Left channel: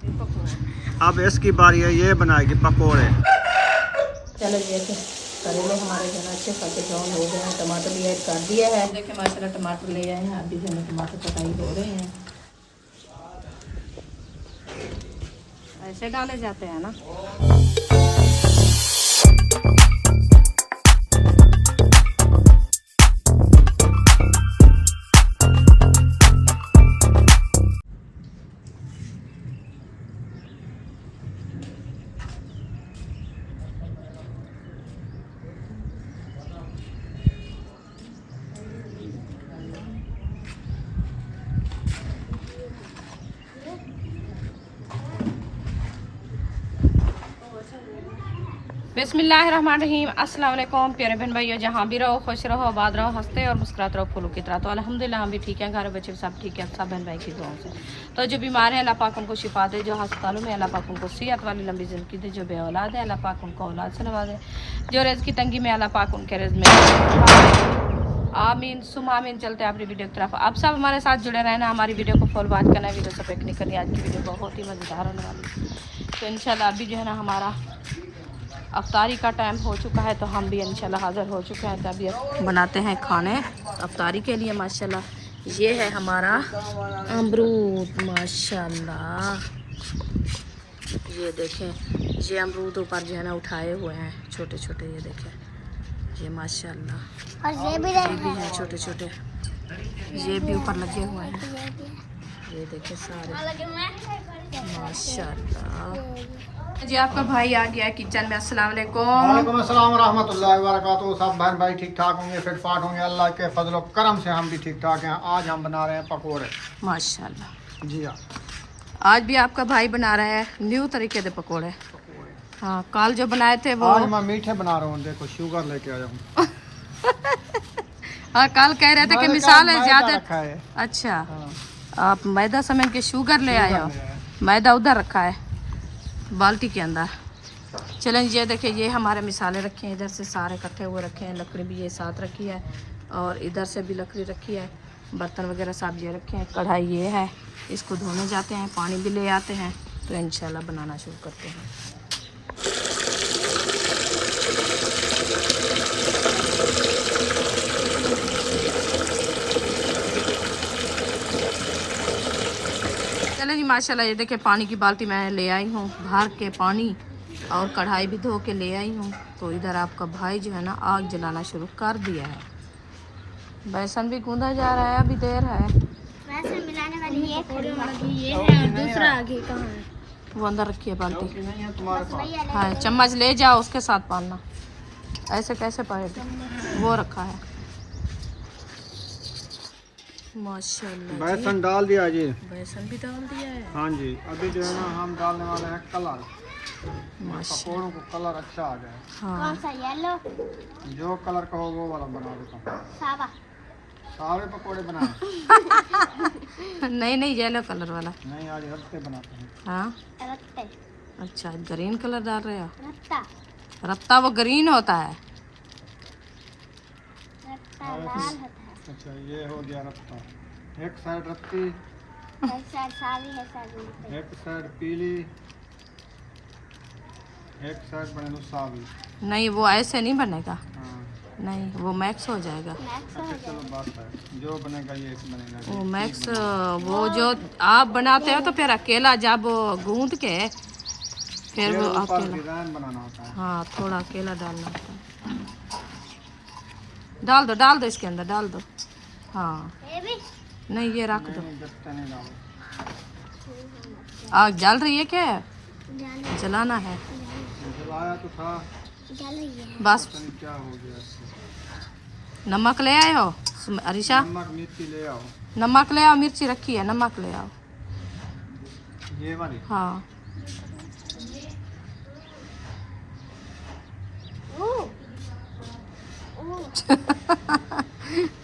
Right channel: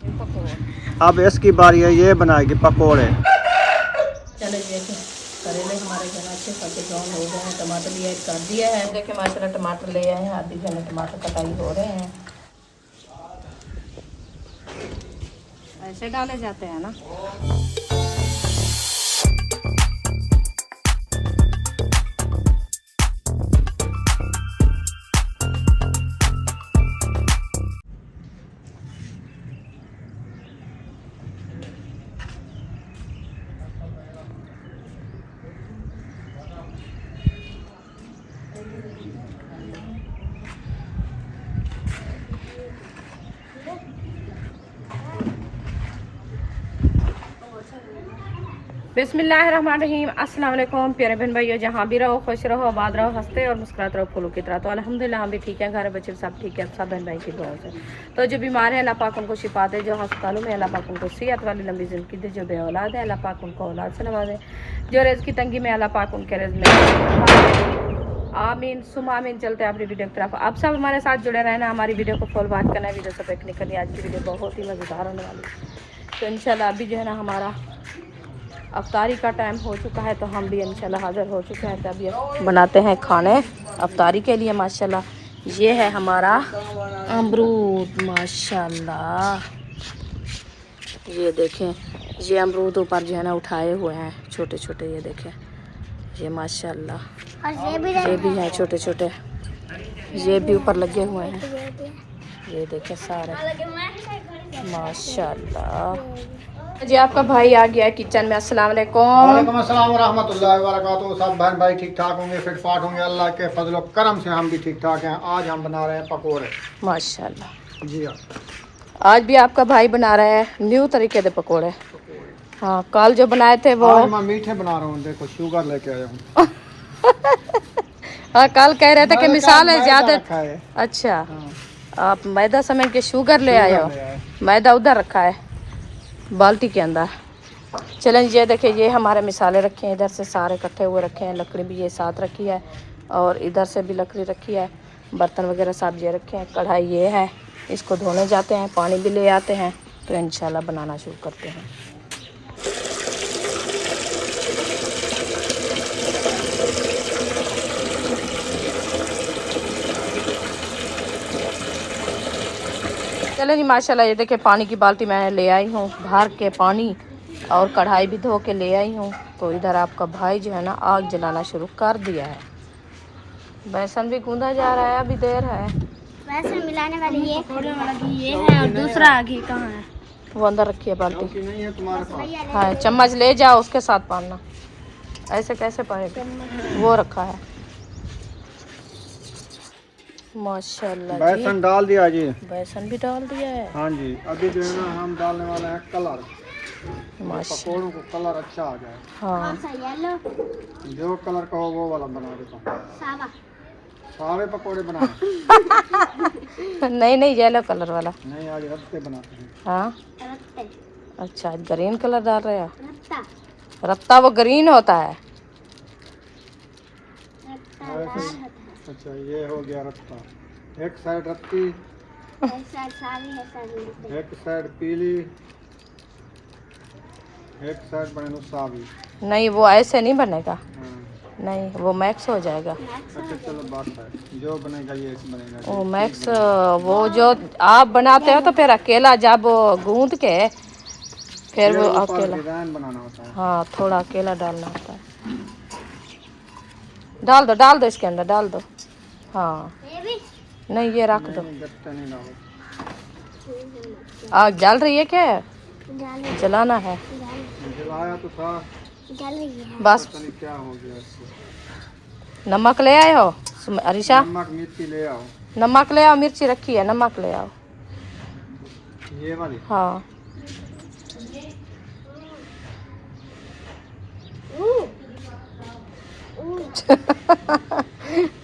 अब इसकी बारी है, ये बनाएगी पकोड़े। चलो देखिए करेले हमारे घर अच्छे खाते ब्राउन हो गए हैं। टमाटर भी ऐड कर दिया है। देखिए माशाल्लाह टमाटर ले आए हैं, आधी जने टमाटर कटाई हो रहे हैं। ऐसे डाले जाते हैं ना। बिस्मिल्लाहिर्रहमानिर्रहीम। अस्सलाम वालेकुम प्यारे बहन भाइयों, जहाँ भी रहो खुश रहो, आबाद रहो, हंसते और मुस्कुराते रहो फूलों की तरह। तो अल्हम्दुलिल्लाह हम भी ठीक है, घर बच्चे सब ठीक है, सब बहन भाई की दुआ से। तो जो बीमार है अल्लाह पाक उनको शिफा दे, जो अस्पतालों में अल्लाह पाक उनको सेहत वाली लंबी ज़िंदगी दे, जो बे औलाद है अल्लाह पाक उनको औलाद से नवाजे, जो रिज़्क़ की तंगी में अल्लाह पाक उनके रिज़्क़ में आमीन सुम आमीन। चलते हैं अपनी वीडियो की तरफ। आप सब हमारे साथ जुड़े रहना, हमारी वीडियो को फुल वॉच करना है। वीडियो से पिक निकलनी, आज की वीडियो बहुत ही मज़ेदार होने वाली है। तो इंशाल्लाह अभी जो है ना हमारा अफ्तारी का टाइम हो चुका है, तो हम भी इंशाल्लाह हाज़िर हो चुके हैं। तभी बनाते हैं खाने अफ्तारी के लिए। माशाल्लाह ये है हमारा अमरूद, माशाल्लाह ये देखें, ये अमरूद ऊपर जो है ना उठाए हुए हैं छोटे छोटे, ये देखें ये माशाल्लाह। ये भी है छोटे छोटे, ये भी ऊपर लगे हुए हैं, ये देखें सारे माशाल्लाह। जी आपका भाई आ गया है किचन में। अस्सलाम वालेकुम। वालेकुम अस्सलाम वरहमतुल्लाहि वबरकातुहू। सब बहन भाई ठीक ठाक होंगे, फिट फाट होंगे, अल्लाह के फजल और करम से हम भी ठीक ठाक हैं। आज हम बना रहे हैं पकोड़े माशाल्लाह। जी हाँ, आज भी आपका भाई बना रहा है न्यू तरीके के पकोड़े। हाँ कल जो बनाए थे वो आज मैं मीठे बना रहा हूँ। देखो शुगर लेके आया हूँ। हाँ कल कह रहे थे कि मिसाल है ज्यादा। है। अच्छा हाँ, आप मैदा समय के शुगर ले आए हो, मैदा उधर रखा है बाल्टी के अंदर। चलें ये देखिए, ये हमारे मिसाले रखे हैं, इधर से सारे इकट्ठे हुए रखे हैं। लकड़ी भी ये साथ रखी है और इधर से भी लकड़ी रखी है। बर्तन वगैरह सब ये रखे हैं। कढ़ाई ये है, इसको धोने जाते हैं, पानी भी ले आते हैं, तो इंशाल्लाह बनाना शुरू करते हैं। चले जी माशाल्लाह ये देखिए पानी की बाल्टी मैं ले आई हूँ भर के पानी, और कढ़ाई भी धो के ले आई हूँ। तो इधर आपका भाई जो है ना आग जलाना शुरू कर दिया है। बेसन भी गूंदा जा रहा है, अभी देर है। बेसन मिलाने वाली ये है, और दूसरा आगे कहाँ है? वो अंदर रखी है बाल्टी। नहीं है तुम्हारे पास? हाँ चम्मच ले जाओ, उसके साथ पाना। ऐसे कैसे पाएगा, वो रखा है माशाल्लाह जी। बेसन डाल दिया जी, बेसन भी डाल दिया है। हाँ जी। अभी जो है ना हम डालने वाले हैं कलर, माशाल्लाह पकोड़ों को कलर अच्छा आ जाए। हाँ येलो जो कलर का हो वो वाला बना देता हूँ। सावा सारे पकोड़े बनाए? नहीं नहीं येलो कलर वाला नहीं, आज रत्ते बनाते हैं। हाँ रत्ते अच्छा, ग्रीन कलर डाल रहे हो। रत्ता रत्ता वो ग्रीन होता है। रत्ता लाल होता है। अच्छा ये हो गया रत्ता। एक साइड रत्ती, ऐसा सावी है सावी। एक साइड पीली, एक साइड बने सावी। नहीं वो ऐसे नहीं बनेगा, हाँ। नहीं वो मैक्स हो जाएगा। अच्छा चलो बात है, जो बनेगा ये बनेगा। वो मैक्स वो जो आप बनाते हो तो फिर अकेला जब गूंद के फिर वो अकेला डिजाइन बनाना होता है। हाँ थोड़ा अकेला डालना होता है। डाल दो इसके अंदर डाल दो। हाँ ये भी नहीं ये रख दो। नहीं, गत्ता नहीं डालो। आग जल रही है क्या, डाल जलाना है जलाया तो था, डाल रही है। बस। पता नहीं क्या हो गया इसको। नमक ले आए हो अरिशा? नमक मिर्ची ले आओ। नमक ले आओ, मिर्ची रखी है, नमक ले आओ। ये वाली? हाँ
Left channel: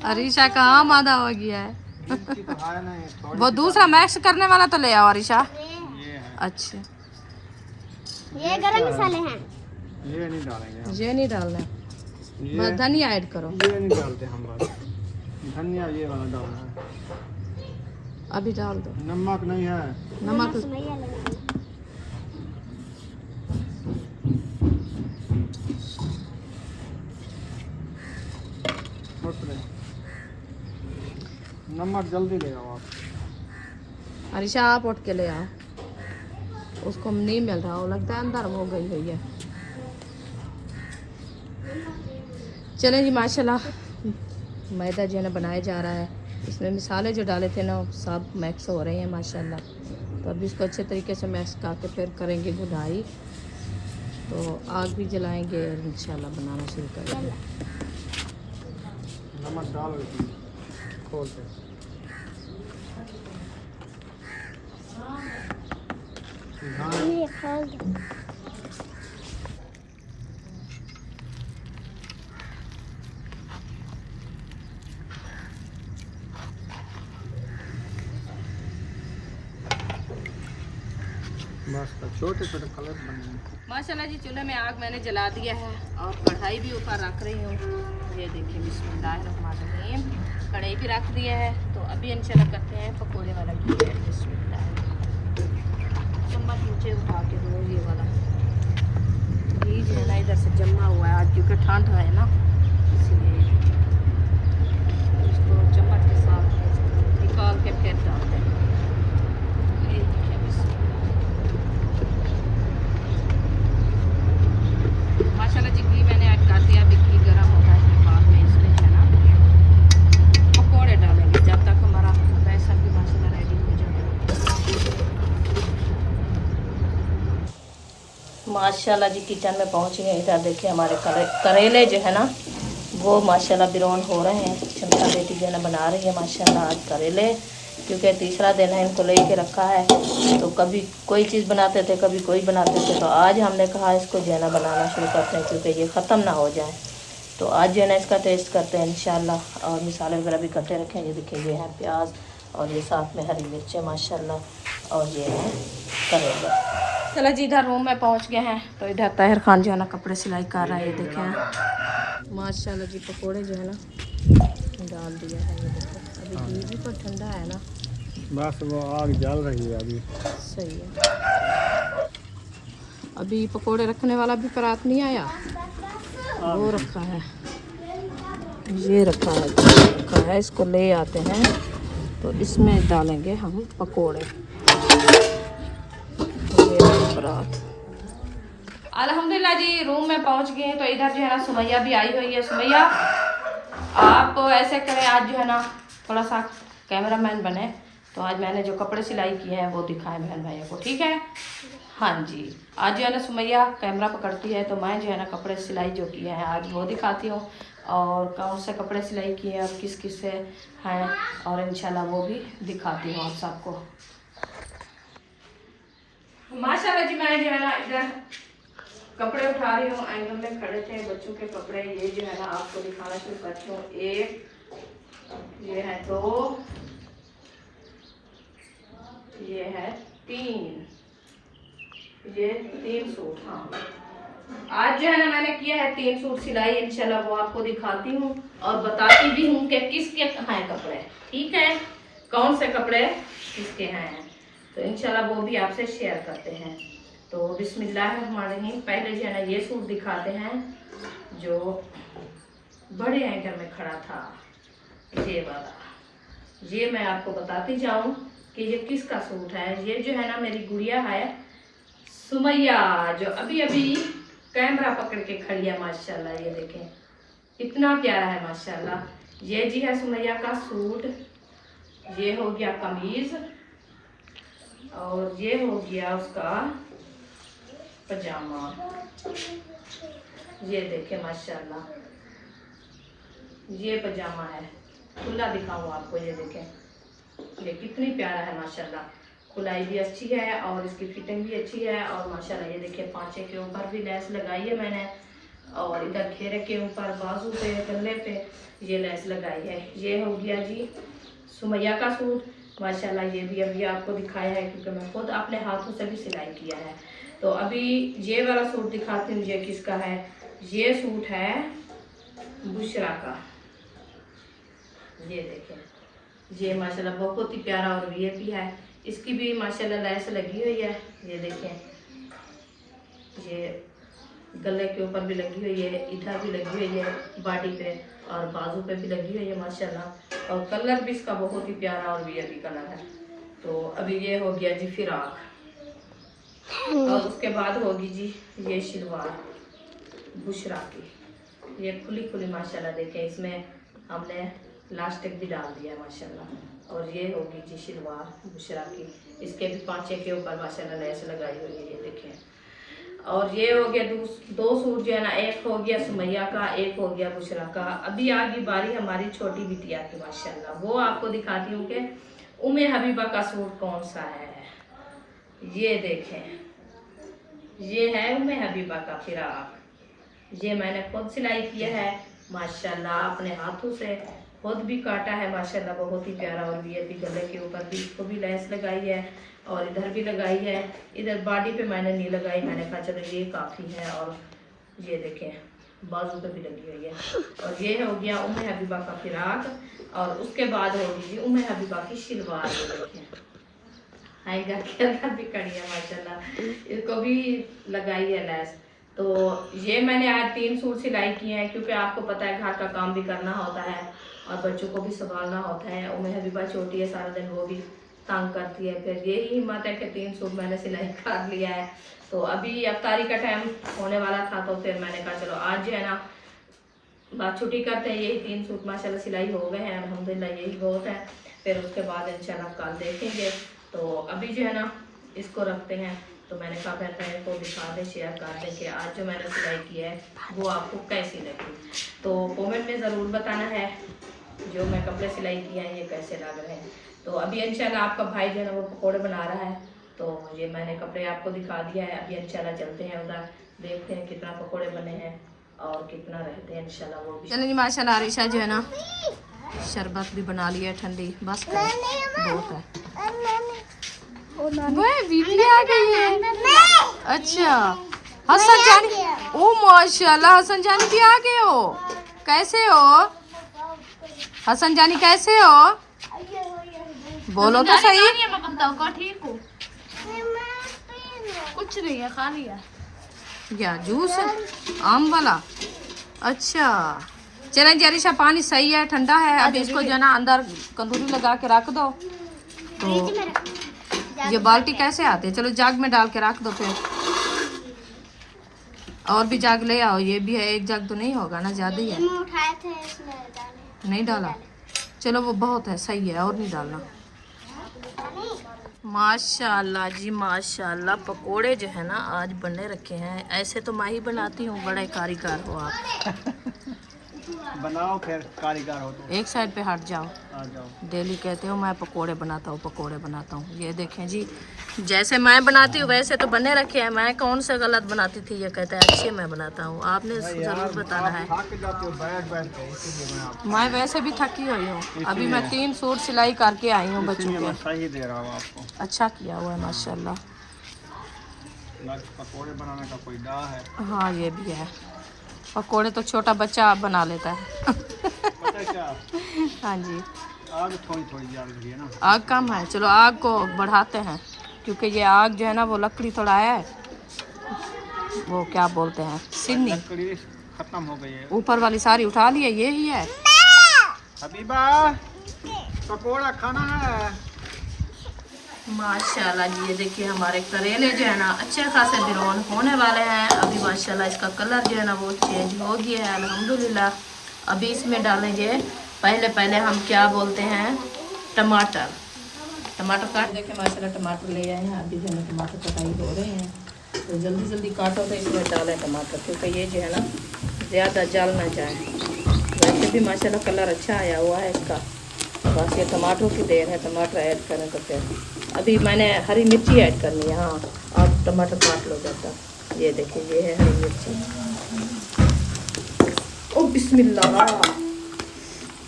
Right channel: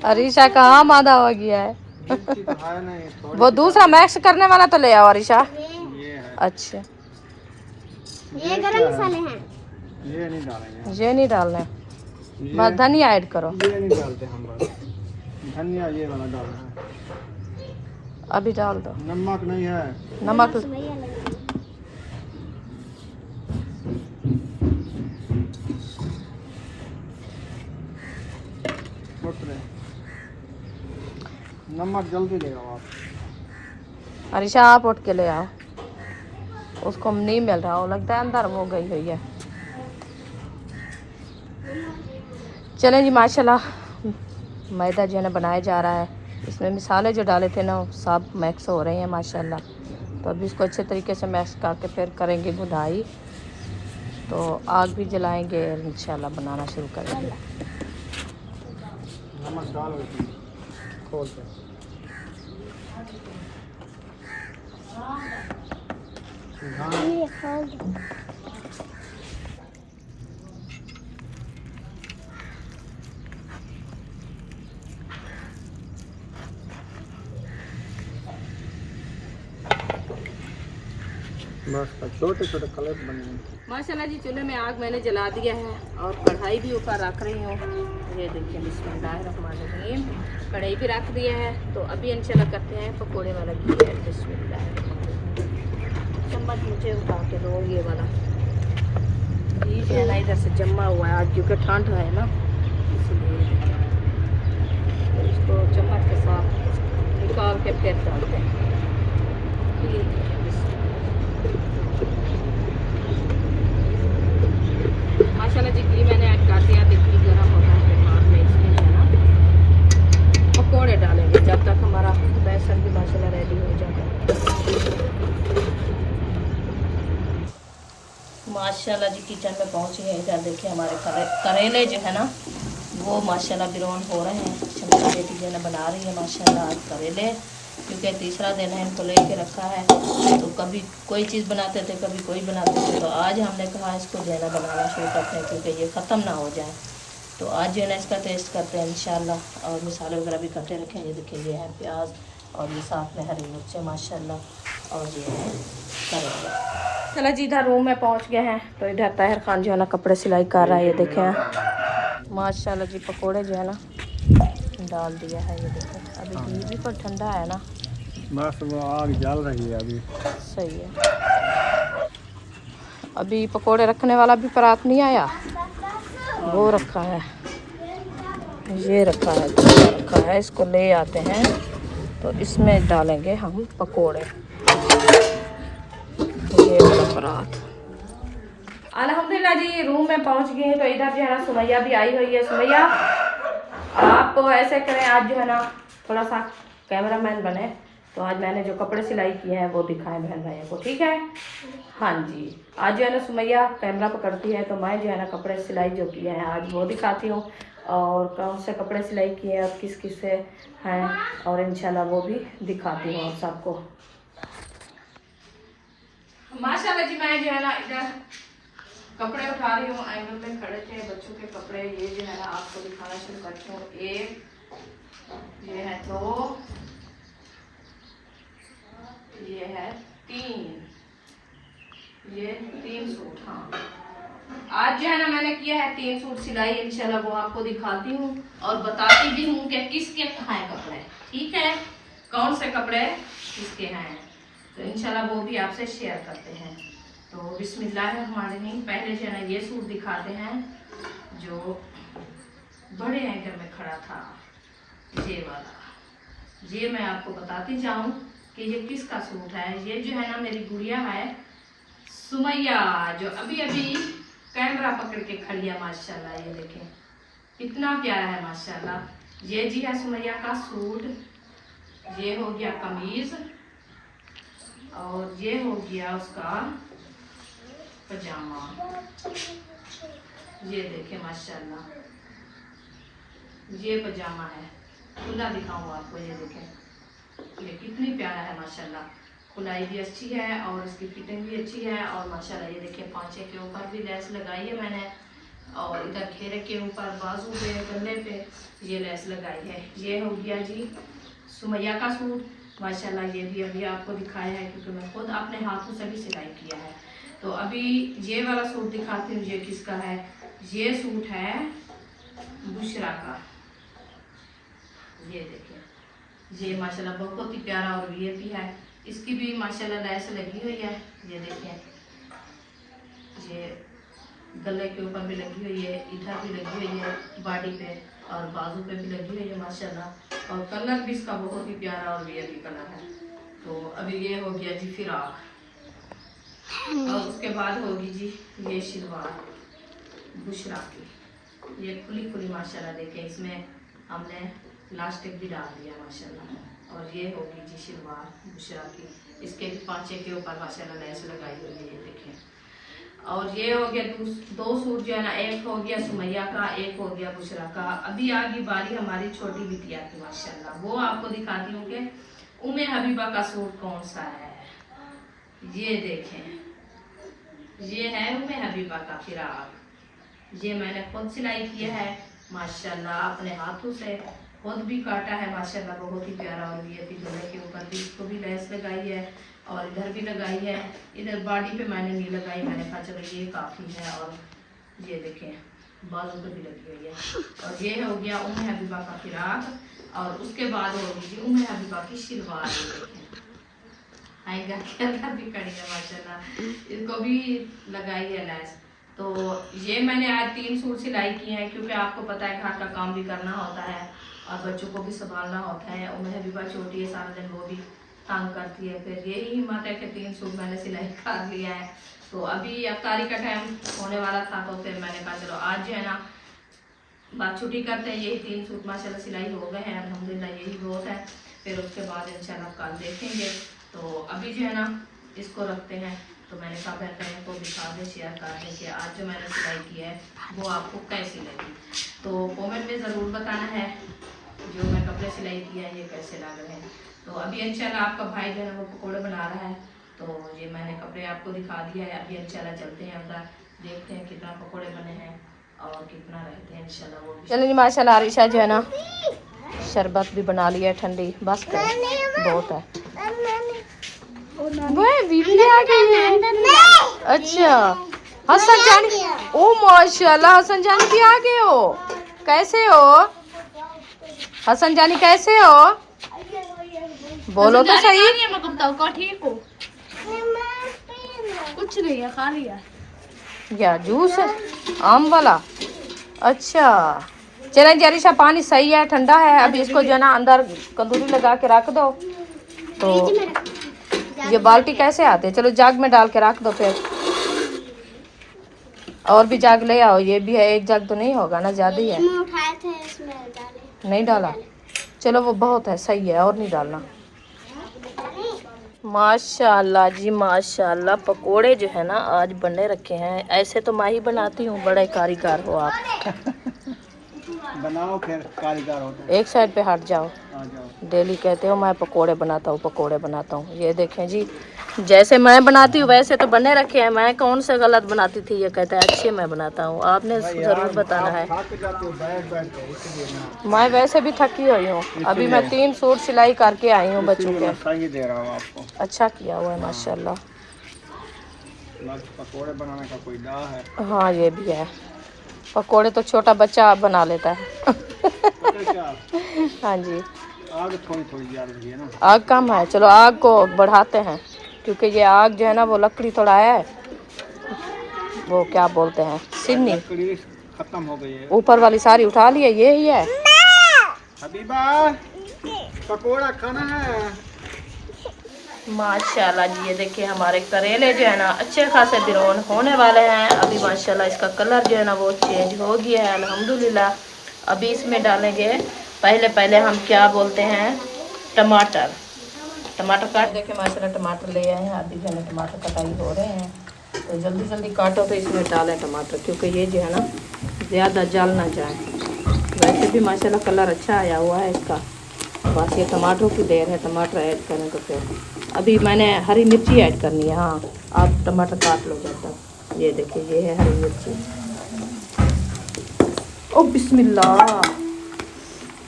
अरिशा का आम आधा हो गया है। मिर्ची तो है नहीं, थोड़ी वो दूसरा मैक्स करने वाला तो ले आओ अरिशा। ये है। अच्छा ये गरम मसाले हैं। ये नहीं डालेंगे हम। ये नहीं डालना है, ये बस धनिया ऐड करो। ये नहीं डालते हम, बस धनिया ये वाला डालना है। अभी डाल दो। नमक नहीं है। नमक भैया लगे छुट रहे। नमक जल्दी ले आओ आप। अरिशा आप उठ के ले आओ, उसको नहीं मिल रहा, वो लगता है अंदर वो गई हुई है। चलें जी, माशाल्लाह मैदा जो है ना बनाया जा रहा है। इसमें मिसाले जो डाले थे ना सब मैक्स हो रहे हैं माशाल्लाह। तो अभी इसको अच्छे तरीके से मैक्स करके फिर करेंगे बुनाई। तो आग भी जलाएंगे और इंशाल्लाह बनाना शुरू करेंगे। नमक डालो इसमें खोल के। ये खोल दो। बस छोटे छोटे कलर बने। माशाल्लाह जी, चूल्हे में आग मैंने जला दिया है और कढ़ाई भी ऊपर रख रही हूँ। ये देखिए, बिस्मिल्लाहिर्रहमानिर्रहीम, कढ़ाई भी रख दिया है। तो अभी इंशाल्लाह करते हैं पकोड़े वाला घी है। बिस्मिल्लाहिर्रहमानिर्रहीम। चम्मच मुझे उठा के दो, ये वाला घी जो है ना इधर से जमा हुआ है आज, क्योंकि ठंड है ना, इसलिए तो इसको चम्मच के साथ निकाल के फिर डालते हैं। माशाल्लाह जी, घी मैंने ऐड कर दिया। अभी घी गर्म होता है, फिर बाद में इसमें जो है ना पकौड़े डालेंगे, जब तक हमारा बेसन भी माशाल्लाह रेडी हो जाता है। माशाल्लाह जी, किचन में पहुंच गए। इधर देखिए हमारे करेले जो है ना वो माशाल्लाह ब्राउन हो रहे हैं। मेरी बेटी जो है ना बना रही है माशाल्लाह आज करेले, क्योंकि तीसरा दिन है, इनको लेके रखा है। तो कभी कोई चीज़ बनाते थे, कभी कोई बनाते थे। तो आज हमने कहा इसको जो है ना बनाना शुरू करते हैं, क्योंकि ये ख़त्म ना हो जाए। तो आज जो है ना इसका टेस्ट करते हैं इंशाल्लाह। और मसाले वगैरह भी करते रखें। ये देखिए, ये है प्याज और ये साथ में हरी मिर्चें माशाल्लाह, और ये है करेला। चलो जी, इधर रूम में पहुँच गए हैं। तो इधर तहर खान जो है ना कपड़े सिलाई कर रहा है। ये देखें माशाल्लाह जी, पकोड़े जो है ना डाल दिया है। ये देखें, अभी घी भी पर ठंडा है ना, बस वो आग जल रही है अभी। सही है। अभी पकोड़े रखने वाला भी परात नहीं आया, वो रखा है, ये रखा है, इसको ले आते हैं। तो इसमें डालेंगे हम पकोड़े। ये वाला परात। अल्हम्दुलिल्लाह जी, रूम में पहुंच गए। तो इधर जो है ना सुमैया भी आई हुई है। सुमैया, आप ऐसे करें, आज जो है ना थोड़ा सा कैमरामैन बने। तो आज मैंने जो कपड़े सिलाई किए हैं वो दिखाएं बहन भाइयों को, ठीक है? हाँ जी, आज जो है ना सुमैया कैमरा पकड़ती है, तो मैं जो है ना कपड़े सिलाई जो किए हैं आज वो दिखाती हूँ, और कौन से कपड़े सिलाई किए हैं और किस किस से हैं, और इंशाल्लाह वो भी दिखाती हूँ आप सबको। माशाल्लाह जी, मैं जो है ना इधर कपड़े उठा रही हूँ। एंगल में खड़े थे बच्चों के कपड़े। ये जो है ना आपको दिखाना शुरू करती हूँ। एक, ये है दो, ये है तीन, ये 3 सूट। हाँ, आज जो है ना मैंने किया है 3 सूट सिलाई। इंशाल्लाह वो आपको दिखाती हूँ और बताती भी हूँ कि किसके हैं कपड़े, ठीक है? कौन से कपड़े किसके हैं, तो इंशाल्लाह वो भी आपसे शेयर करते हैं। तो बिस्मिल्लाहिर्रहमानिर्रहीम, पहले जो है ना ये सूट दिखाते हैं जो बड़े एंकर में खड़ा था, ये वाला। ये मैं आपको बताती जाऊँ कि ये किसका सूट है। ये जो है ना मेरी गुड़िया है सुमैया, जो अभी अभी कैमरा पकड़ के खड़ी है माशाल्लाह। ये देखें कितना प्यारा है माशाल्लाह। ये जी है सुमैया का सूट। ये हो गया कमीज, और ये हो गया उसका पजामा। ये देखें माशाल्लाह, ये पजामा है। खुला दिखाऊं आपको, ये देखें ये कितनी प्यारा है माशाल्लाह। खुलाई भी अच्छी है और इसकी फिटिंग भी अच्छी है। और माशाल्लाह ये देखिए पांचे के ऊपर भी लेस लगाई है मैंने, और इधर घेरे के ऊपर बाजू पे गले पे ये लेस लगाई है। ये हो गया जी सुमैया का सूट माशाल्लाह। ये भी अभी आपको दिखाया है क्योंकि मैं खुद अपने हाथों से भी सिलाई किया है। तो अभी ये वाला सूट दिखाती हूँ, ये किसका है। ये सूट है बुशरा का। ये देखें, ये माशाल्लाह बहुत ही प्यारा और वीआईपी है। इसकी भी माशाल्लाह लेस लगी हुई है। ये देखें, ये गले के ऊपर भी लगी हुई है, इधर भी लगी हुई है बॉडी पे, और बाजू पे भी लगी हुई है माशाल्लाह। और कलर भी इसका बहुत ही प्यारा और वीआईपी कलर है। तो अभी ये हो गया जी फिराक, और उसके बाद होगी जी ये शलवार बुशरा की, ये खुली खुली माशाल्लाह। देखें इसमें हमने लास्टिक भी डाल दिया माशाल्लाह। और ये होगी जी शलवार बुशरा की, इसके भी पांचे के ऊपर माशाल्लाह लेस लगाई हुई है, ये देखें। और ये हो गया दो सूट जो है ना, एक हो गया सुमैया का, एक हो गया बुशरा का। अभी आ गई बारी हमारी छोटी बिटिया की माशाल्लाह, वो आपको दिखाती हूँ कि उम्मे हबीबा का सूट कौन सा है। ये देखें, ये है उम्मे हबीबा का फिराक, ये मैंने खुद सिलाई किया है माशाल्लाह, अपने हाथों से खुद भी काटा है माशाल्लाह, बहुत ही प्यारा। और वीआईपी गले के ऊपर भी इसको भी लेस लगाई है, और इधर भी लगाई है, इधर बॉडी पे मैंने नहीं लगाई, मैंने कहा चलो ये काफ़ी है। और ये देखें बाजू पे भी लगी हुई है। और ये हो गया उम्मे हबीबा का फिराक, और उसके बाद होगी जी उम्मे हबीबा की शलवार। ये देखें आएगा के अंदर भी कड़ी है माशाल्लाह, इसको भी लगाई है लेस। तो ये मैंने आज 3 सूट सिलाई किए हैं, क्योंकि आपको पता है घर का काम भी करना होता है और बच्चों को भी संभालना होता है। उम्मे हबीबा छोटी है, सारा दिन वो भी तंग करती है, फिर यही हिम्मत है कि 3 सूट मैंने सिलाई कर लिया है। तो अभी अफ्तारी का टाइम होने वाला था, तो फिर मैंने कहा चलो आज जो है ना बात छुट्टी करते हैं। यही 3 सूट माशाल्लाह सिलाई हो गए हैं अल्हम्दुलिल्लाह, यही बहुत है। फिर उसके बाद इंशाल्लाह कल देखेंगे। तो अभी जो है ना इसको रखते हैं। तो मैंने कहा बहन को दिखा दे, शेयर कर दे कि आज जो मैंने सिलाई की है वो आपको कैसी लगी। तो कमेंट में ज़रूर बताना है जो मैं कपड़े सिलाई किए हैं ये कैसे लग रहे हैं। तो अभी इंशाल्लाह आपका भाई जो है ना वो पकौड़े बना रहा है, तो ये मैंने कपड़े आपको दिखा दिया है। अभी इंशाल्लाह चलते हैं उधर, देखते हैं कितना पकौड़े बने हैं और कितना रहते हैं इंशाल्लाह वो भी। चलो जी माशाल्लाह आरिशा जो है ना शरबत भी बना लिया है ठंडी, बस करें बहुत है। बीबी आ गई है। अच्छा हसन जानी, ओ माशाल्लाह हसन जानी भी आ गए हो, कैसे हो हसन जानी, कैसे हो बोलो तो सही। ठीक हो? कुछ नहीं है, खा लिया। या जूस है आम वाला, अच्छा चलें जरीशा पानी सही है, ठंडा है। अभी इसको जो है ना अंदर कंदूरी लगा के रख दो। तो ये बाल्टी कैसे आते हैं, चलो जाग में डाल के रख दो, फिर और भी जाग ले आओ। ये भी है, एक जाग तो नहीं होगा ना, ज़्यादा ही है। उठाए थे इसमें डाले। नहीं डाला, चलो वो बहुत है, सही है, और नहीं डालना। माशाल्लाह जी माशाल्लाह, पकोड़े जो है ना आज बने रखे हैं। ऐसे तो मैं ही बनाती हूँ, बड़े कारीगर हो आप। बनाओ फिर कारीगर हो तो। एक साइड पे हट जाओ, आ जाओ। डेली कहते हो मैं पकोड़े बनाता हूँ पकोड़े बनाता हूँ। ये देखें जी, जैसे मैं बनाती हूँ वैसे तो बने रखे हैं, मैं कौन से गलत बनाती थी। ये कहता है अच्छे मैं बनाता हूँ, आपने ज़रूर बताना है। थक जाते हो बैठ बैठ के, इसीलिए मैं वैसे भी थकी हुई हूँ। अभी मैं 3 सूट सिलाई करके आई हूँ बच्चों के। सही दे रहा हूँ आपको। अच्छा किया हुआ है माशाल्लाह। पकोड़े बनाने का कोई डा है। हाँ ये भी है, पकोड़े तो छोटा बच्चा बना लेता है। हाँ जी, आग थोड़ी थोड़ी जल रही है ना, आग कम है, चलो आग को बढ़ाते हैं, क्योंकि ये आग जो है ना वो लकड़ी थोड़ा है, वो क्या बोलते हैं सिन्नी, लकड़ी खत्म हो गई है। ऊपर वाली सारी उठा ली है, ये ही है। हबीबा पकोड़ा खाना है। माशाल्लाह जी, ये देखिए हमारे करेले जो है ना अच्छे खासे बिरोन होने वाले हैं। अभी माशाल्लाह इसका कलर जो है ना वो चेंज हो गया है अल्हम्दुलिल्लाह। अभी इसमें डालेंगे पहले हम क्या बोलते हैं टमाटर। टमाटर काट देखे माशाल्लाह टमाटर ले आए हैं, आधी जो है टमाटर कटाई हो रहे हैं। तो जल्दी जल्दी काटो तो इसमें डालें टमाटर, क्योंकि ये जो है ना ज़्यादा जल ना जाए। वैसे भी माशाल्लाह कलर अच्छा आया हुआ है इसका, बस ये टमाटर की देर है, टमाटर ऐड करें तो फिर। अभी मैंने हरी मिर्ची ऐड करनी है। हाँ आप टमाटर काट लो जब तक। ये देखिए ये है हरी मिर्ची। ओ बिस्मिल्लाह,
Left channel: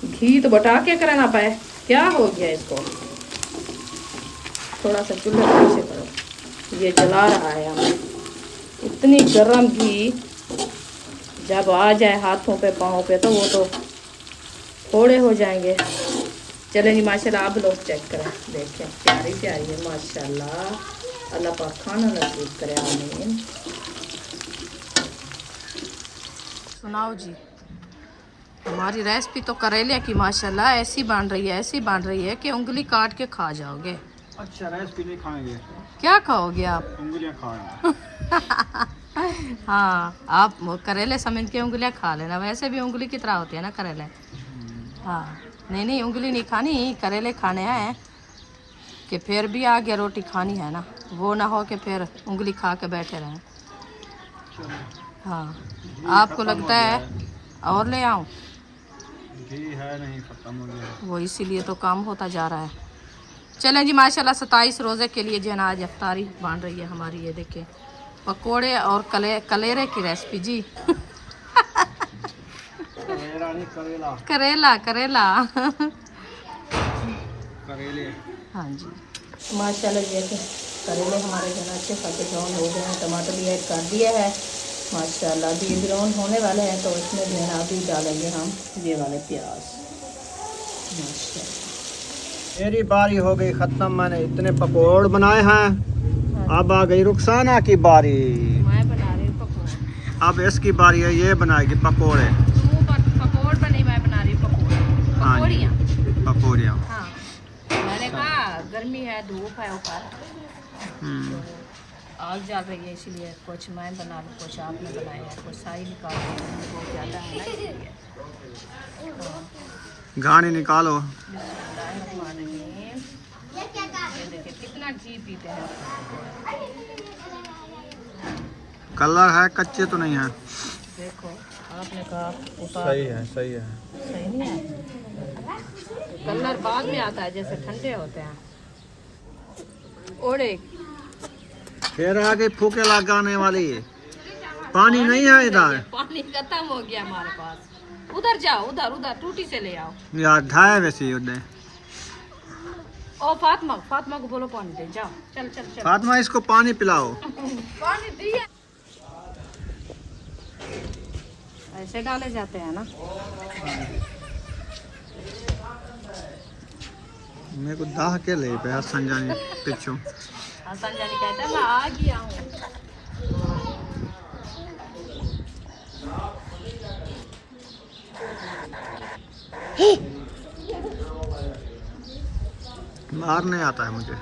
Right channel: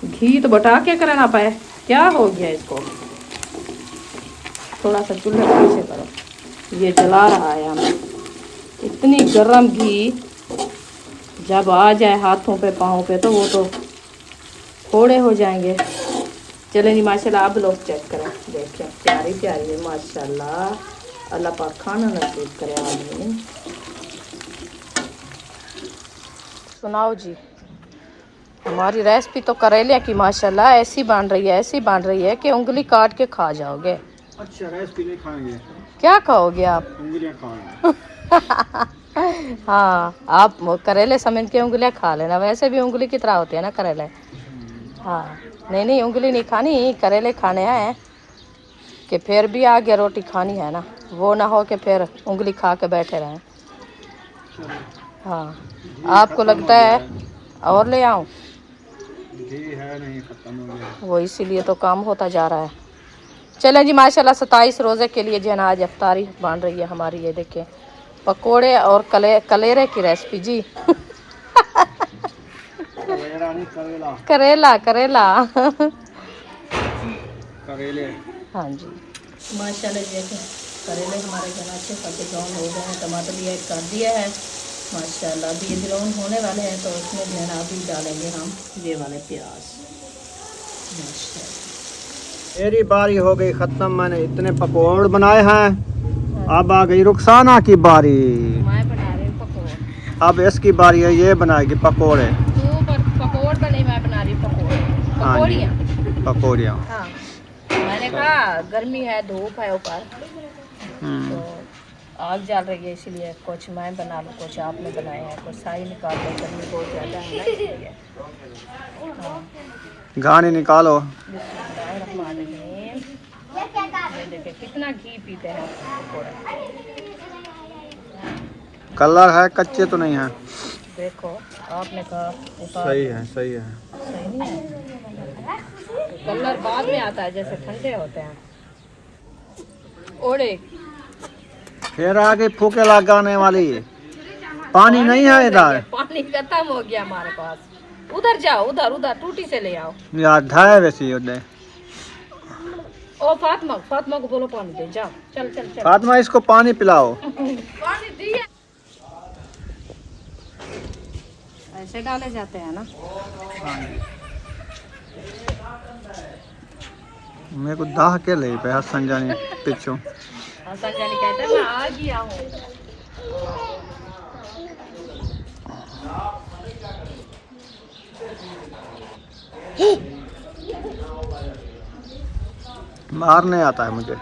घी तो बटा के करना पाए, क्या हो गया इसको। थोड़ा सा चूल्हे पर पीछे करो, ये जला रहा है हमें। इतनी गर्म घी जब आ जाए हाथों पे पाँव पे तो वो तो थोड़े हो जाएंगे। चलें जी माशाल्लाह, अब लोग चेक करें, देखें प्यारी प्यारी है माशाल्लाह। अल्लाह पाक खाना नसीब करे हमें। सुनाओ जी, हमारी रेसिपी तो करेले की माशाल्लाह ऐसी बन रही है कि उंगली काट के खा जाओगे। अच्छा रेसिपी नहीं खाएंगे, क्या खाओगे आप? उंगलियां खाएंगे। हाँ, आप करेले समझ के उंगलियां खा लेना, वैसे भी उंगली की तरह होते हैं ना करेले। हाँ, नहीं उंगली नहीं खानी, करेले खाने हैं कि फिर भी आगे रोटी खानी है ना, वो ना हो कि फिर उंगली खा के बैठे रहें। हाँ, आपको लगता है और ले आऊं? घी है नहीं, खत्म हो गया। वो इसीलिए तो काम होता जा रहा है। चलें जी, माशाल्लाह 27 रोज़े के लिए जो है ना आज इफ्तारी बन रही है हमारी। ये देखें पकोड़े और कलेरे की रेसिपी जी। करेला करेले। हाँ जी, माशाल्लाह देखें करेले हमारे घर अच्छे खाते ब्राउन हो गए हैं। टमाटर भी ऐड कर दिया है माशाल्लाह। अभी ये ब्राउन होने वाले हैं तो उसमें जो है अभी डालेंगे हम ये वाले प्याज। मेरी बारी हो गई ख़त्म, मैंने इतने पकौड़ बनाए हैं। अब आ गई रुखसाना की बारी। मैं बना रही हूँ पकौड़े। अब इसकी बारी है, ये बनाएगी पकौड़े। तू पकौड़ बने, मैं बना रही हूँ पकौड़ियाँ। पकौड़ियाँ। हाँ, मैंने कहा गर्मी है, धूप है ऊपर, तो आग जल रही है, इसलिए कुछ मैं बना लूँ, कुछ आपने बनाया है, कुछ साई निकाल दो, गर्मी बहुत ज़्यादा है ना इसलिए। हाँ, गाने निकालो। बिस्मिल्लाहिर्रहमानिर्रहीम। ये देखिए कितना घी पीते हैं पकौड़े। कलर है, कच्चे तो नहीं है। देखो आपने कहा उतार। सही है, सही है। सही नहीं है, कलर बाद में आता है, जैसे ठंडे होते हैं। ओड़े फिर आगे फूके लगाने वाली। पानी नहीं है इधर। पानी खत्म हो गया हमारे पास। उधर जाओ, उधर टूटी से ले आओ यार ढाए वैसी उधर। ओ फातिमा को बोलो पानी दे, जाओ चल। फातिमा इसको पानी पिलाओ। पानी दिया। ऐसे डाले जाते हैं ना। मेरे को दाह के ले पे हसन जानी पिछू। हसन जानी कहते हैं मैं आ गया हूँ। मारने आता है मुझे।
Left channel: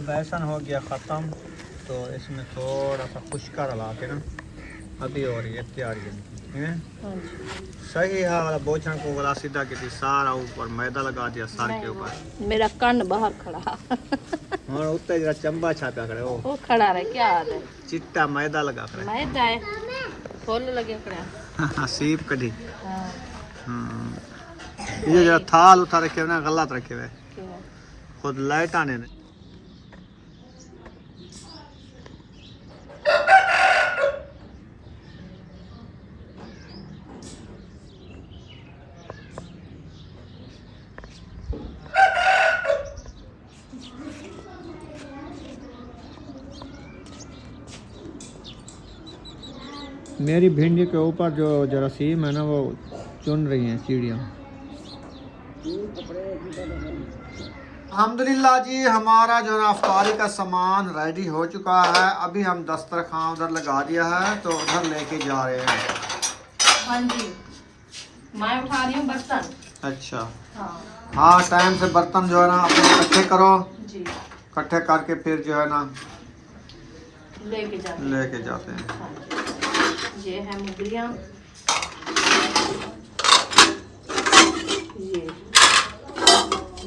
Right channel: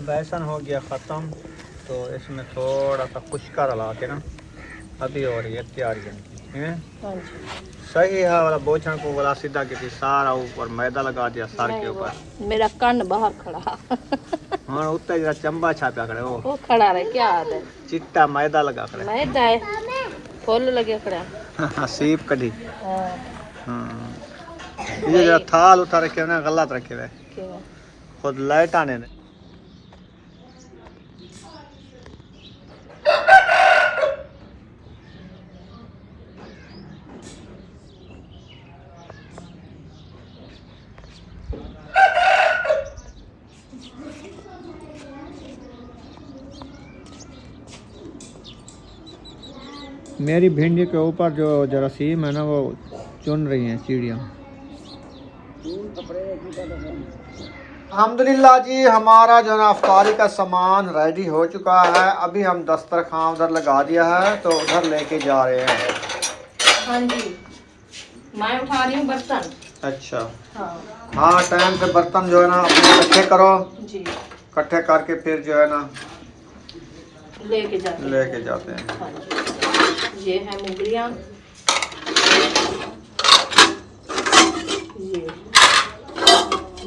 बेसन हो गया ख़त्म, तो इसमें थोड़ा सा खुशका रला के ना अभी हो रही है तैयारी है। सही है वाला बोझा को वाला सीधा की सारा ऊपर मैदा लगा दिया सर के ऊपर। मेरा कान बाहर खड़ा। हाँ उत्ते जरा चंबा छापा खड़े वो खड़ा रहे, क्या याद है? चिट्टा मैदा लगा खड़े। मैदा है, फूल लगे खड़ा। सीप कढ़ी। हाँ। ये जरा थाल उठा रखे ना, गलत रखे हुए खुद लाइट आने ने। मेरी भिंडी के ऊपर जो जरासीम है ना वो चुन रही हैं चिड़िया। अल्हम्दुलिल्लाह जी, हमारा जो ना अफ्तारी का सामान रेडी हो चुका है। अभी हम दस्तरखान उधर लगा दिया है, तो उधर लेके जा रहे हैं। हाँ जी, मैं उठा रही हूँ बर्तन। अच्छा हाँ, हाँ, टाइम से बर्तन जो है ना अपने इकट्ठे करो जी, इकट्ठे करके फिर जो है ना लेके जाते हैं। हाँ जी, ये है मुगलियाँ,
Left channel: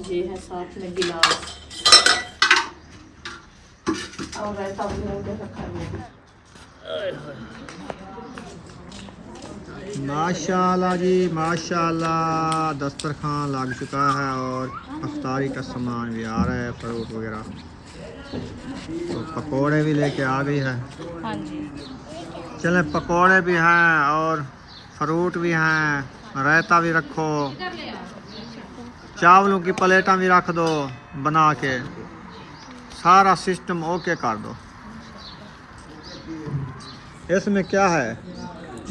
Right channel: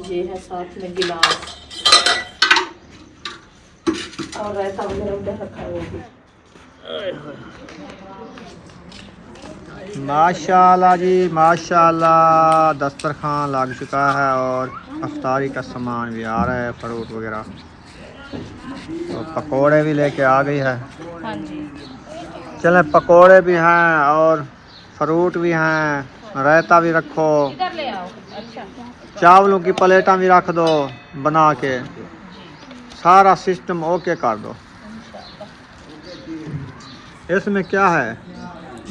ये है साथ में गिलास और रायता वगैरह रखा हुआ। माशाल्लाह जी माशाल्लाह, दस्तरखान लग चुका है और अफ्तारी का सामान भी आ रहा है, फ्रूट वगैरह। तो पकोड़े भी लेके आ गई है। हाँ जी, चले पकोड़े भी हैं और फ्रूट भी हैं, रायता भी रखो, इधर ले आओ। अच्छा, चावलों की प्लेटा भी रख दो बना के, सारा सिस्टम ओके कर दो। इसमें क्या है,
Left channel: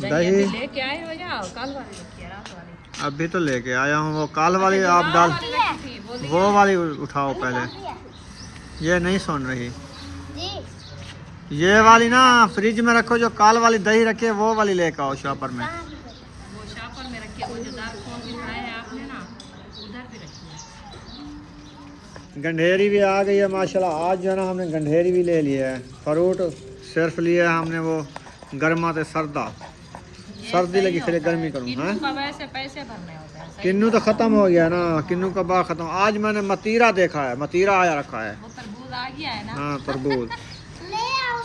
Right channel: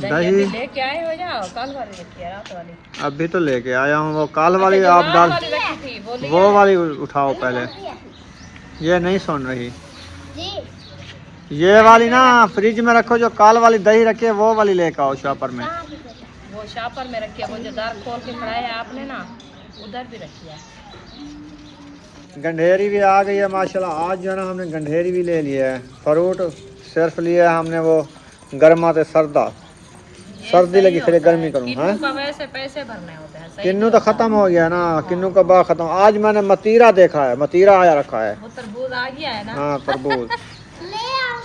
दही लेके आए हो जाओ, कल वाली रखी है, रात वाली अभी तो लेके आया हूँ। वो काल वाली आप डाल, वाली रखी थी बोली वो वाली उठाओ पहले। ये नहीं सुन रही। ये वाली ना फ्रिज में रखो, जो काल वाली दही रखी है वो वाली लेके आओ शॉपर में। वो शापर में रखी है, वो जो दार खोल के खड़ाया है आपने ना, उधर भी रखी है। गंढेरी भी आ गई है माशाल्लाह। आज जो है ना हमने गंढेरी भी ले लिया है। फ्रूट सिर्फ लिया है हमने वो गर्मा ते सर्दा, सर्दी लगी फिर गर्मी करूँ। हाँ किन्नू का वैसे पैसे भरने होते हैं, सही किन्नू तो खत्म हो गया ना, किन्नू का बाग खत्म। आज मैंने मतीरा देखा है, मतीरा आया रखा है। वो तरबूज आ गया है ना। हाँ तरबूज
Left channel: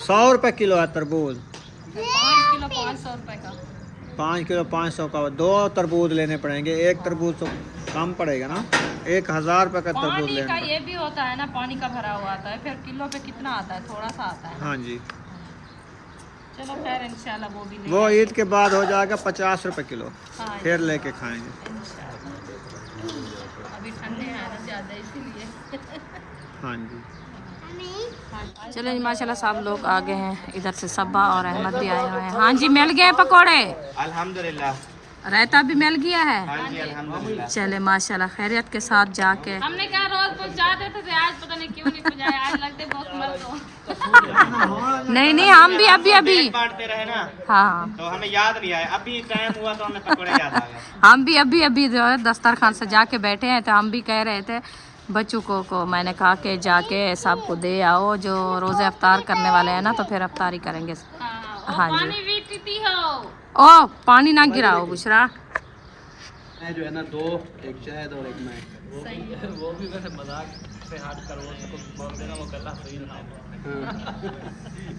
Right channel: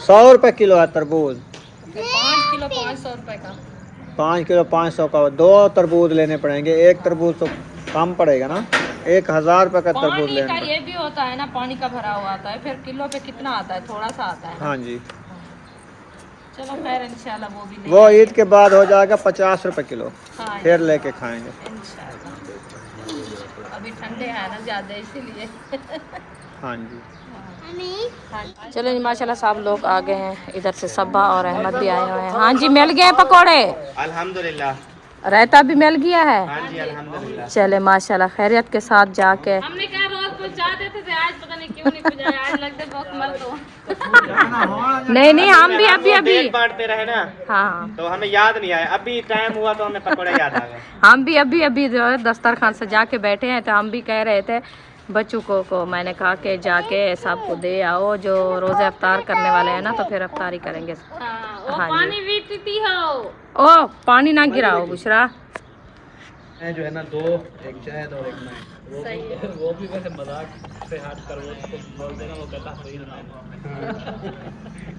100 रुपए किलो है तरबूज। 5 किलो 500 रुपए का। 5 किलो 500 का। 2 तरबूज लेने पड़ेंगे, एक तरबूज तो कम पड़ेगा ना। 1000 रुपए का तरबूज पानी लेना का पड़ेगा। ये भी होता है ना, पानी का भरा हुआ आता है, फिर किलो पे कितना आता है, थोड़ा सा आता है। हाँ जी। चलो खैर इंशाल्लाह वो भी ले वो ईद के बाद हो जाएगा 50 रुपए किलो, हाँ, फिर लेके खाएंगे। इंशाल्लाह। अभी ठंडे हैं ना ज्यादा, इसीलिए। हाँ जी। चलो जी माशाल्लाह सब लोग आ गए हैं, इधर से सब्बा और अहमद भी आए हुए हैं। हाँ जी मिल गए पकोड़े, अल्हम्दुलिल्लाह। रायता भी मिल गया है। हाँ जी अल्हम्दुलिल्लाह। चले माशाल्लाह खैरियत के साथ जाके। हमने कहा रोज कुछ चाहते थे, आज पता नहीं क्यों नहीं कुछ आया, आज लगते बहुत मर दो। नहीं हम भी अभी बांटते रहे ना, हाँ तो हमें याद नहीं आया। अभी टाइम हुआ तो हमें पकोड़े याद आ गए। हम भी अभी जो है दस्तरखान सजा के बैठे हैं, तो हम भी कह रहे थे बच्चों को मैंने कहा कि जाके सबको दे आओ जो रोज़े अफ्तार करने वाले हैं ना, तो फिर अफ्तारी करेंगे। हाँ जी। ओ पानी ना गिराओ बुशरा। जो है ना 2, एक शहद और एक मैं। सही है। वो भी वैसे मजाक से हाथ कर वो उसको बोल देना, वो कहता सही था।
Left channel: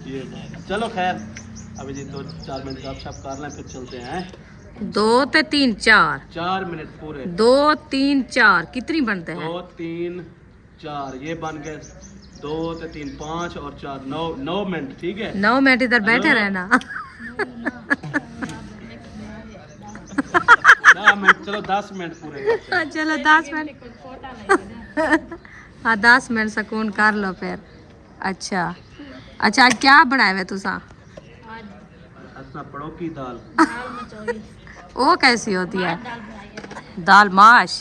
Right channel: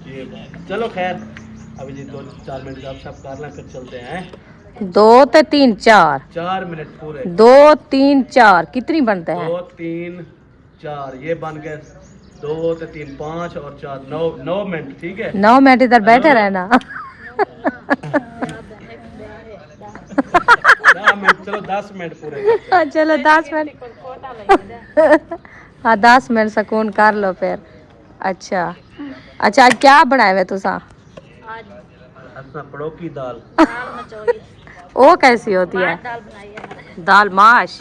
ये बात। चलो खैर अभी जी 2-4 मिनट का सब कर लें, फिर चलते हैं। 2 ते 3 4 4 मिनट पूरे। 2 3 4 कितनी बनते हैं? 2 3 4 ये बन गए। 2 ते 3 5 और 4 9 मिनट। ठीक है 9 मिनट इधर बैठे रहना। 10 मिनट। चलो 10 मिनट पूरे। चलो 10 मिनट। हाँ 10 मिनट सुकून कर लो फिर। अच्छा आज क्या बनाए हुए तुसा? अच्छा पड़ो की दाल। वो कैसी होती है? दाल माश।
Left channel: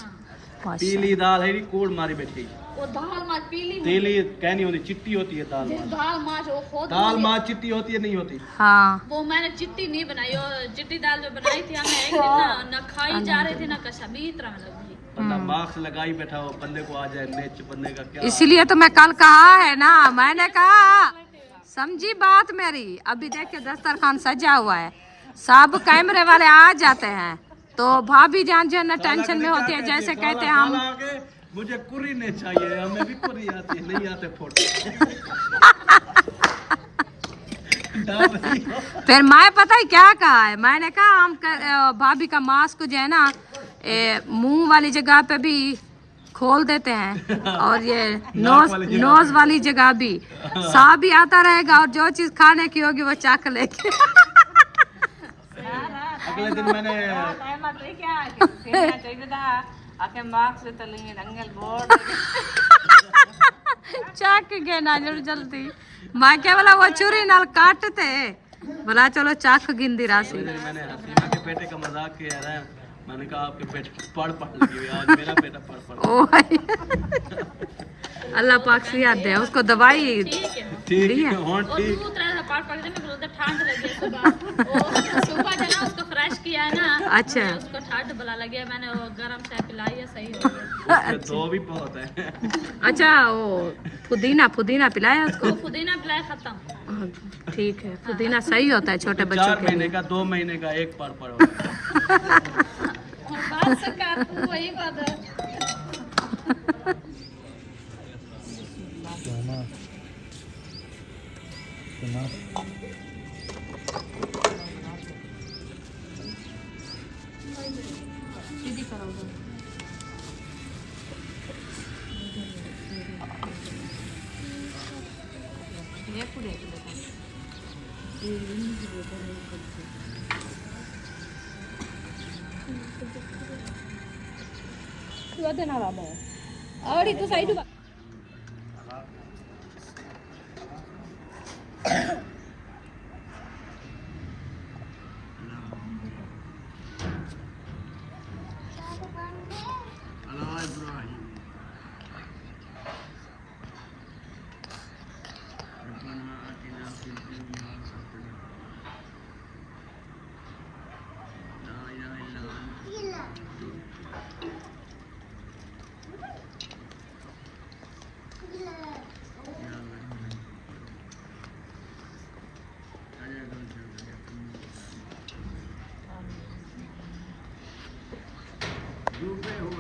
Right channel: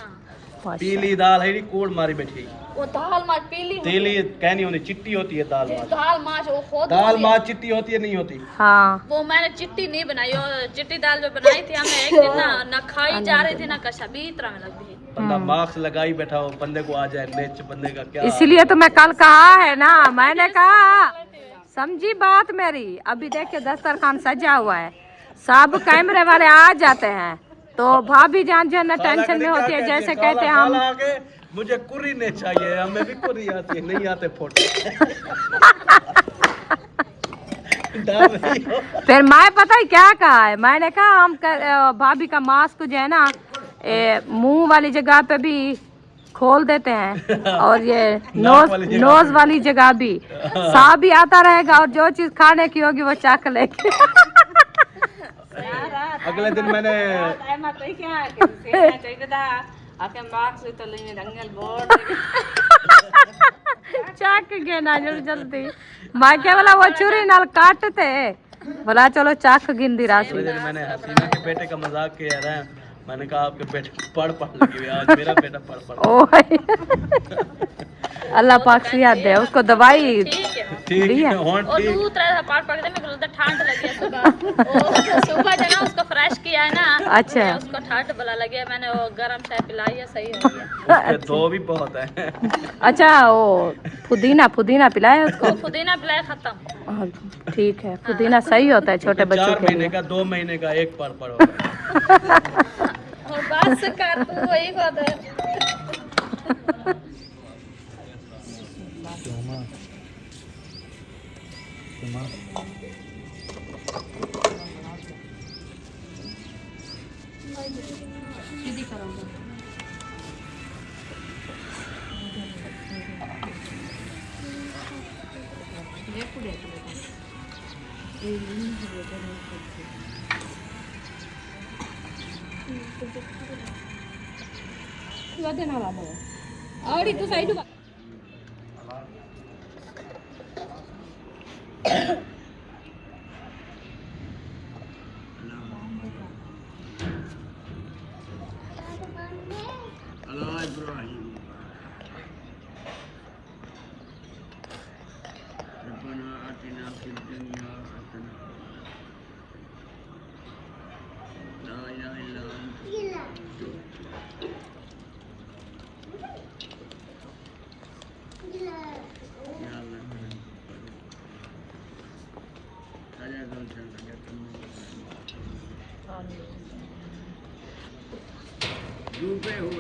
पीली दाल है, कोड़ मारी बैठी। वो दाल माछ पीली तेली कहनी होती, चिट्टी होती है दाल माछ। दाल माछ वो खुद दाल माछ चिट्टी होती है नहीं होती? हाँ वो मैंने चिट्टी नहीं बनाई, और चिट्टी दाल जो बनाई थी हमने एक दिन ना खाई जा रही थी ना कशा भी तरह में लगती है। बंदा मास्क लगाई बैठा हो, बंदे को आ जाए नेच, बंदे का क्या। इसीलिए तो मैं कल कहा है ना, मैंने कहा समझी बात मेरी। अभी देखिए दस्तरखान सजा हुआ है, सब कैमरे वाले आ जाते हैं, तो भाभी जान जो है ना टेंशन में होती है, जैसे कहते हैं हम मुझे कुरी नहीं चाहिए, हमें भी कुरी आती है, नहीं आते फोटो। फिर मैं पता है क्या कहा है, मैंने कहा हम भाभी का मास्क जो है ना मुंह वाली जगह पे भी खोल देते हैं, और ये नोज वाली जगह भी सांप भी आता रहेगा, और जो चीज खाने की होगी वो चख लेके। अगले दिन मैंने चख गए ना जल्दी। मैं क्या बोला वो छुरी नाल काटते, बोला चलो चख गिनदी राशि। मैंने हसीना के बेटे का मजाक किया था, मैंने कहा आपके बेटे पढ़ लगी हुई, आज मेरा बेटा पढ़। ओ अल्लाह पाक सिया दे उसको दवाई। ठीक है और दूध तरह पार पड़ दे, मैं ठंड लगी सुबह जो ना उसको फ्रेश किया है ना। अच्छा उसको ठंड भला लगे, मैंने वो गरम चाय पिलाई है, सही है। दो भी बहुत है। अच्छा वो पुदीना पिलाया उसको? पुदीना पिलाया खत्म। ठीक है पुदीना सही होता है छोटे बच्चों 4 के महीने लिए। का 2 महीने का एक पर होगा। और बात से कर तू वही बात है। और तू साइड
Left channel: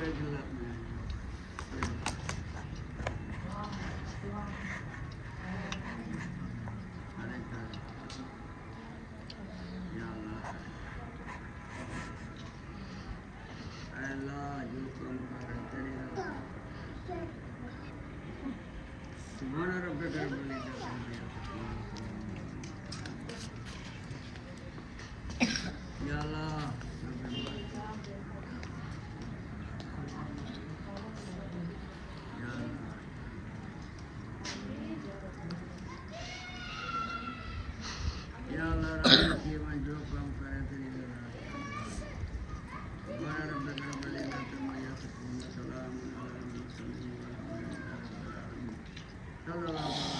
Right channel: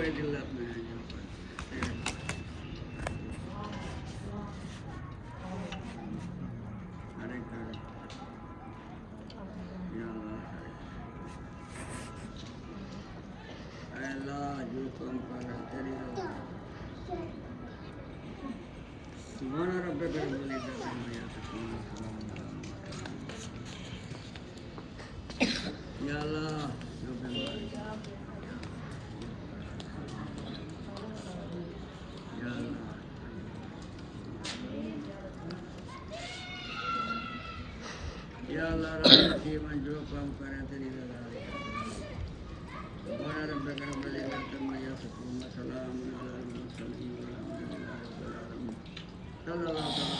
सारे जिल्लत में हैं हर एक या अल्लाह अल्लाह जो काम कर रहे तेरी सुभान रब्बिक रब्बिल इज्जति अम्मा यसिफून या अल्लाह जो बीमार या अल्लाह या अल्लाह रब्बी मन जो काम करे तेरी रजा सुभान रब्बिक रब्बिल इज्जति अम्मा यसिफून व सलामुन अलल मुरसलीन वल्हम्दुलिल्लाहि रब्बिल आलमीन सल्लल्लाहु